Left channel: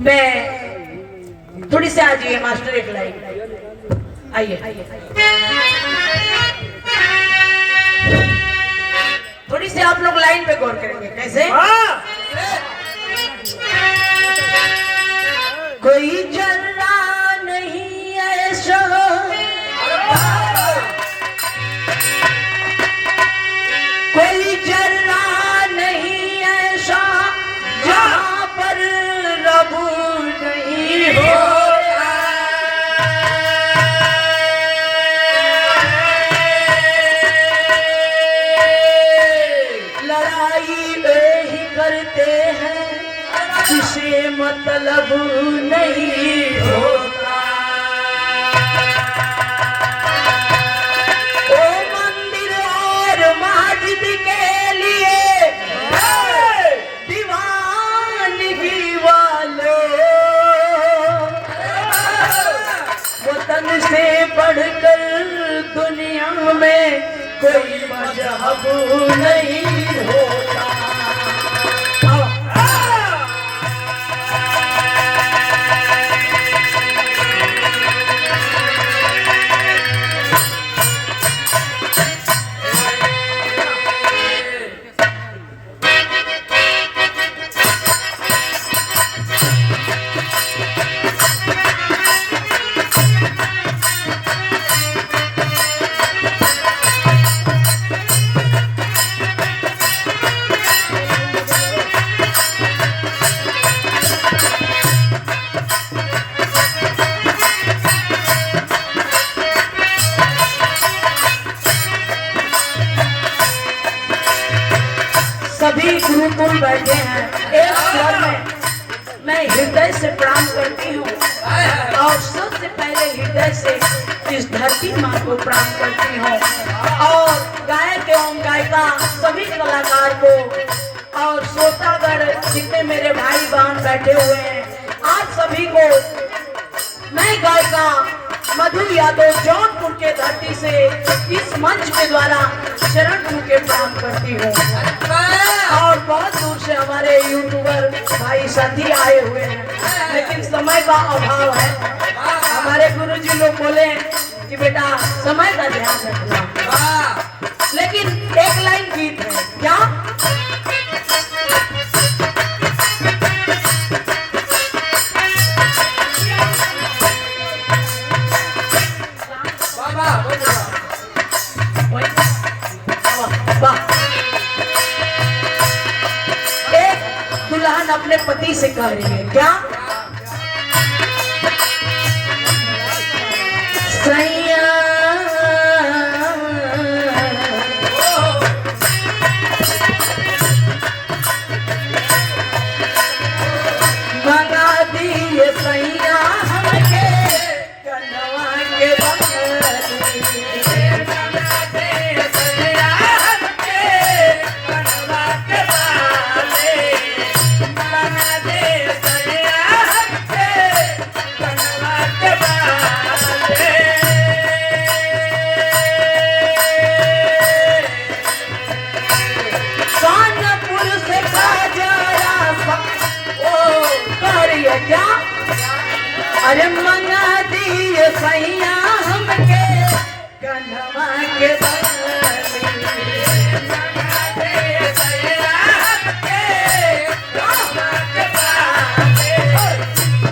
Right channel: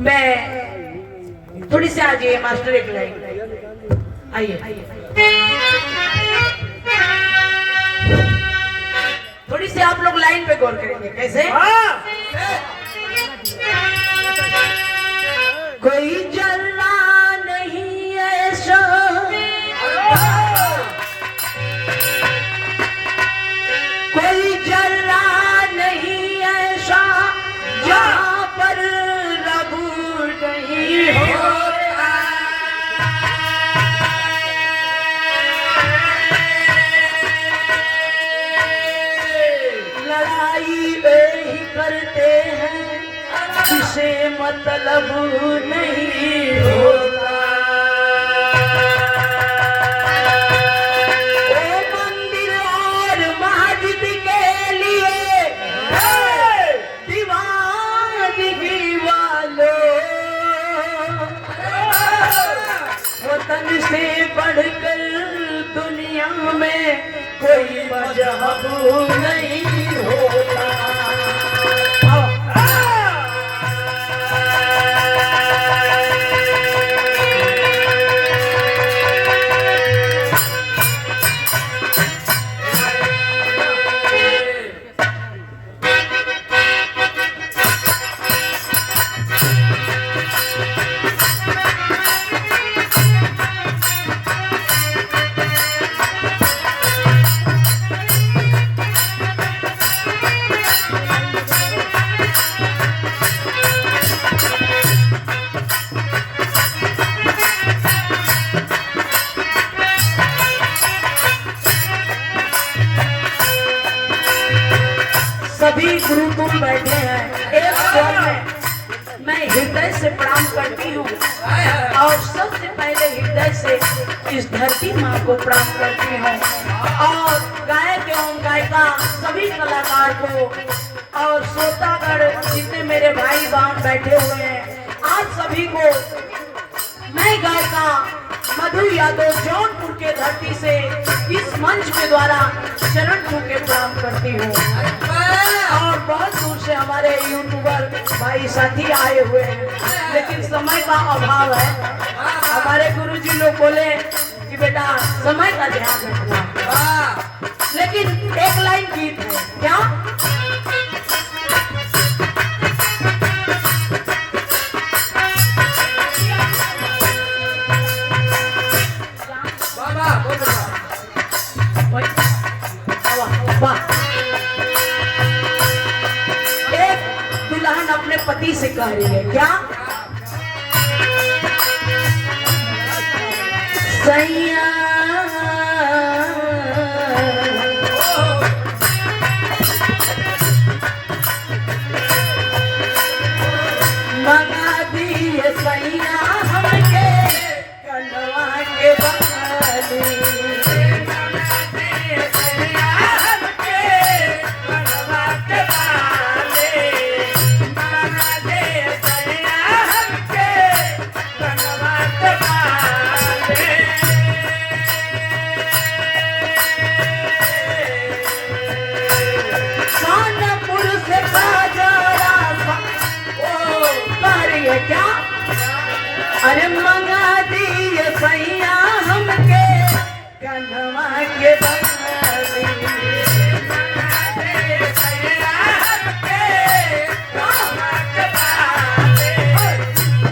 मैं थोड़ी सी आ जाइए मास्टर, एक लाइन आइए। थोड़ी सी आप लोग लाइन पे गौर करेंगे कैसे। कोई जल्ला नहीं ऐसा, कोई जल्ला नहीं ऐसा जहाँ पर रब नहीं होता। लड़ाई वे ही करते हैं जिसे मतलब नहीं होता। ओ मंदिर और मस्जिद के लिए दीवानगी वालों, वतन से बढ़कर दुनिया में कोई मजहब नहीं होता। सभी गुरुकुल बैठे हैं एक स्वर में, मैं हृदय से प्रणाम करती हूँ और सबसे पहले हृदय से इस धरती माँ को प्रणाम करती हूँ और गायक एवं गायिका सभी कलाकार को और श्रोतागण जितने मेरे भाई बहन बैठे हुए हैं, आज सभी को मैं गायिका मधु यादव जौनपुर के धरती से इस मंच के द्वारा शरण छू के प्रणाम करती हूँ। और बहुत दूर से हमारे यूट्यूबर भाई साथी आए हुए हैं, लेकिन समय का अभाव है। हमारे गुरुजी लोग बोले कि बेटा समय का ध्यान रखना, लेकिन एक लाइन गीत है क्या। दुल्हन अपने पति से कह रही है क्या, सैया मंगा दिए सैया हमके कलवा के है क्या? अरे मंगा दिए सैया हमके कन्हवा के बदले, मंगा दिए सैया हमके कन्हवा के बदले,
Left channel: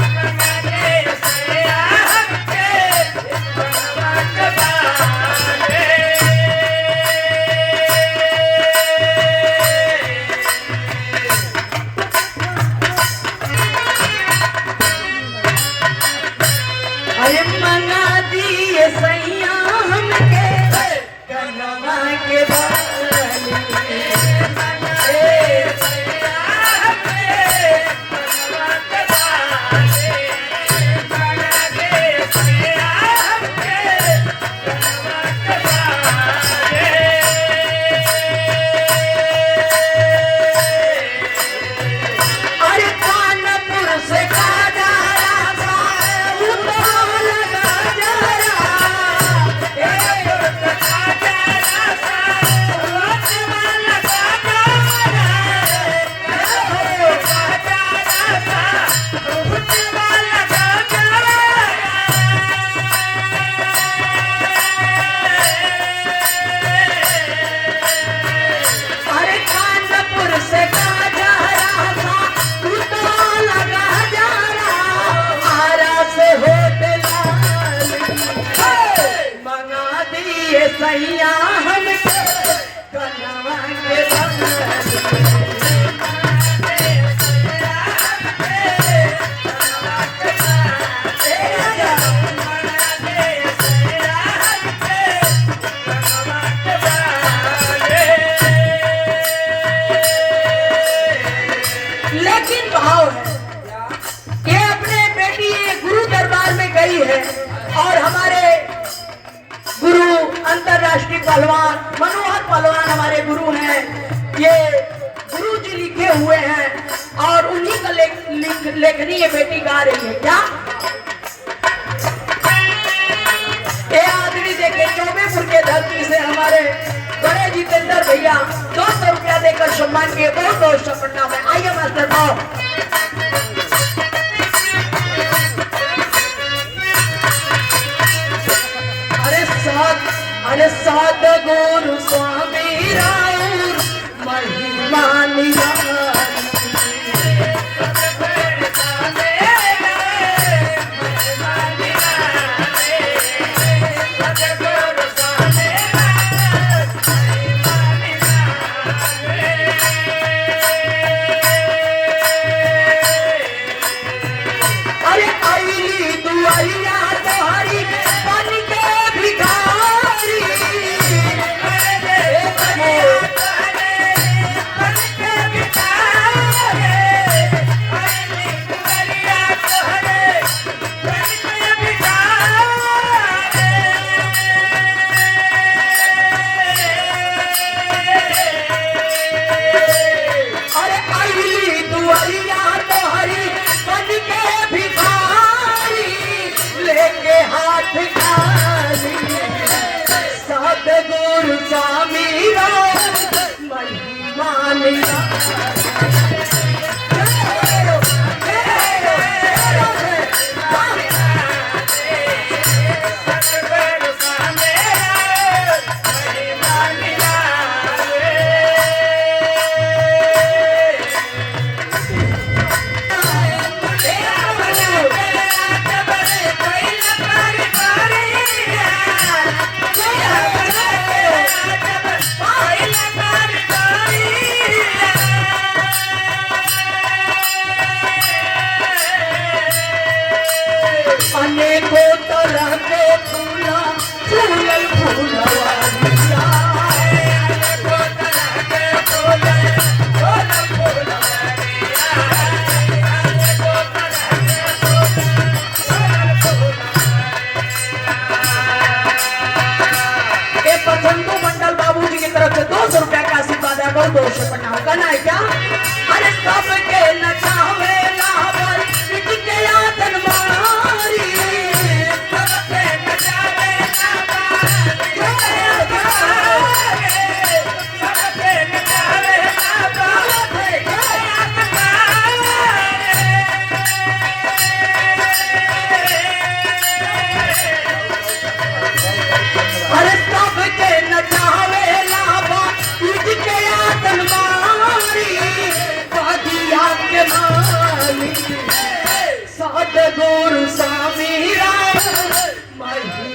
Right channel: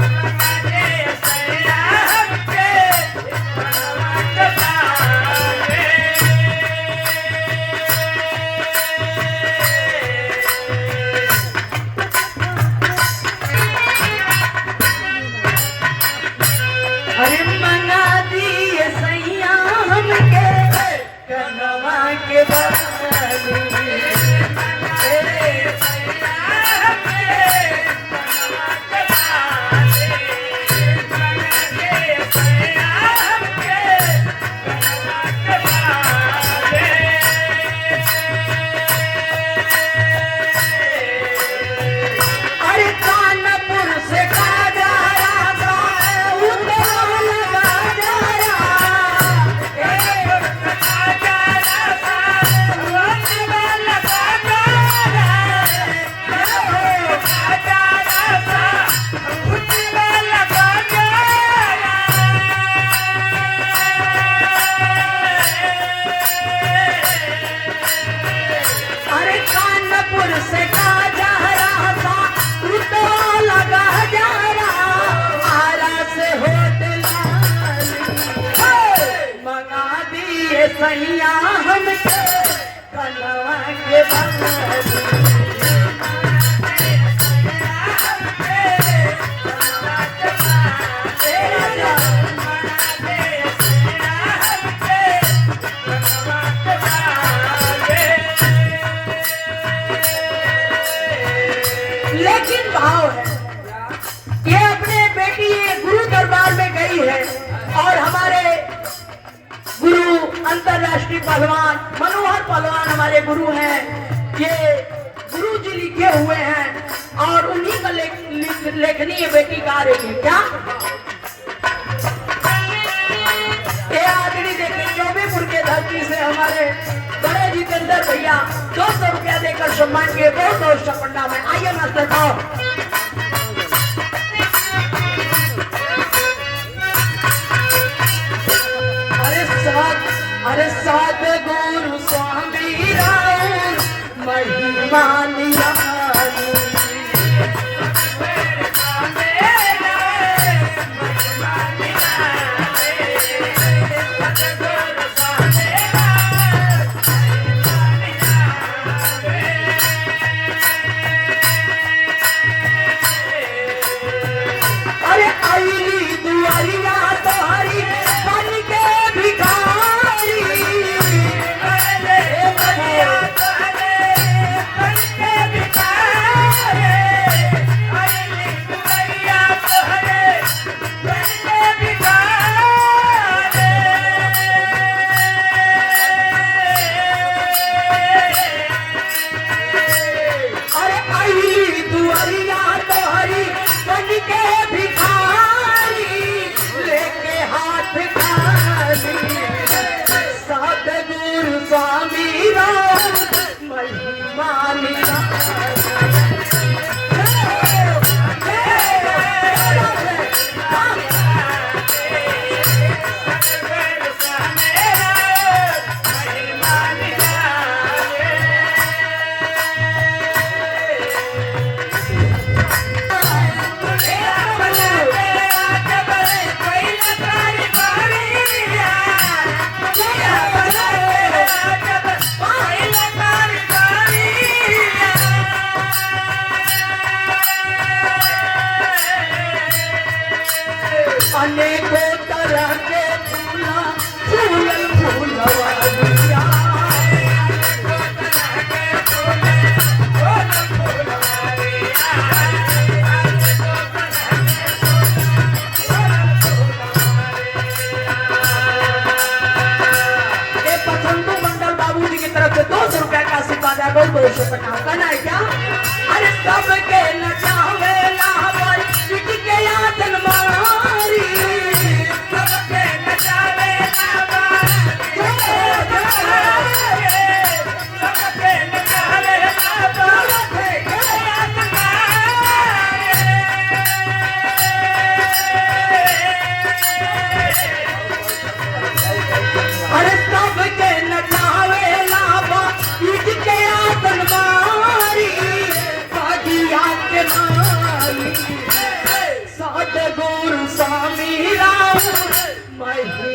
मंगा दिए सैया हमके कन्हवा के बदले। अरे मंगा दिए सैया हमके कन्हवा के बदले, मंगा दिए सैया हमके कन्हवा के बदले, मंगा दिए सैया हमके कन्हवा के बदले। अरे कानपुर से काजरा से काजरा तो लगा जरा, आरा से होटल मंगा दिए सैया हमके कन्हवा के बदले, लेकिन भाव है ये अपने बेटी गुरु दरबार में गई है और हमारे गुरु अंतरराष्ट्रीय पहलवान मनोहर पहलवान हमारे गुरु हैं, ये गुरु जी लिखे हुए हैं और उन्हीं का लेखनी ये बेटी गा रही है क्या? ये आदमी देखे चौबेपुर के धरती से हमारे बड़े जितेंद्र भैया 200 रुपया देकर सम्मान किए, बहुत बहुत सपटा में। आइए मास्टर भाव। अरे साध गुरु स्वामी राउर महिमा निराली, अनेकों तरह के फूला फूलल फूलवारिया, अनेकों तरह के फूले फूलल फूलवारिया, अनेकों तरह के फूले फूलल फूलवारिया। ये पसंदो मंडल बाबूजी की तरफ से 200 रुपया का आशीर्वाद है, बहुत 200 पटाओ करना है क्या? अरे सबके नचावे लावर के यादन मारी, सबके आई